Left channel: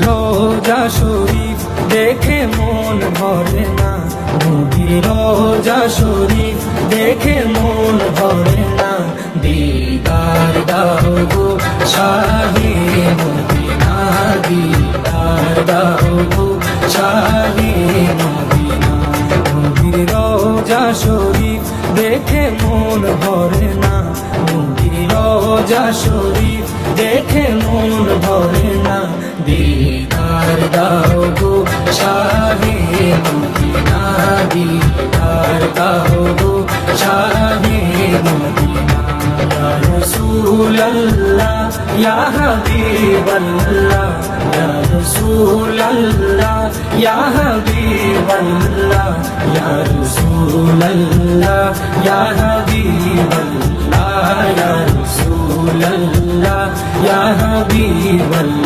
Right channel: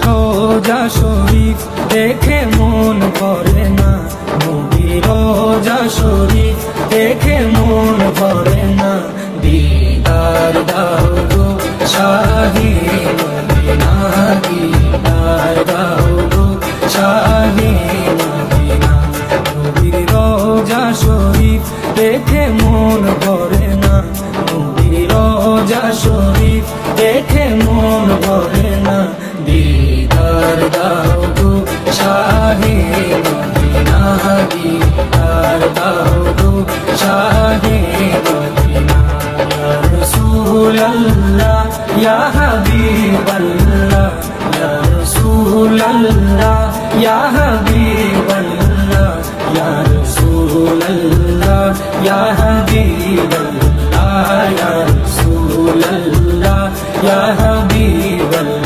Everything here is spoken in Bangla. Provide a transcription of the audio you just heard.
রোজা শরীফ দেখে মন ভরে না, নবীর রোজা শরীফ দেখে মন ভরে না। দিদার দাও গো শাহে মদিনা, দিদার দাও গো শাহে মদিনা। নবীর রোজা শরীফ দেখে মন ভরে না, নবীর রোজা শরীফ দেখে মন ভরে না। দিদার দাও গো শাহে মদিনা, দিদার দাও গো শাহে মদিনা। ইয়া রাসূলুল্লাহ ইয়া হাবিবাল্লাহ, ইয়া রাসূলুল্লাহ ইয়া হাবিবাল্লাহ, ইয়া রাসূলুল্লাহ ইয়া হাবিবাল্লাহ, ইয়া রাসূলুল্লাহ ইয়া হাবিবাল্লাহ।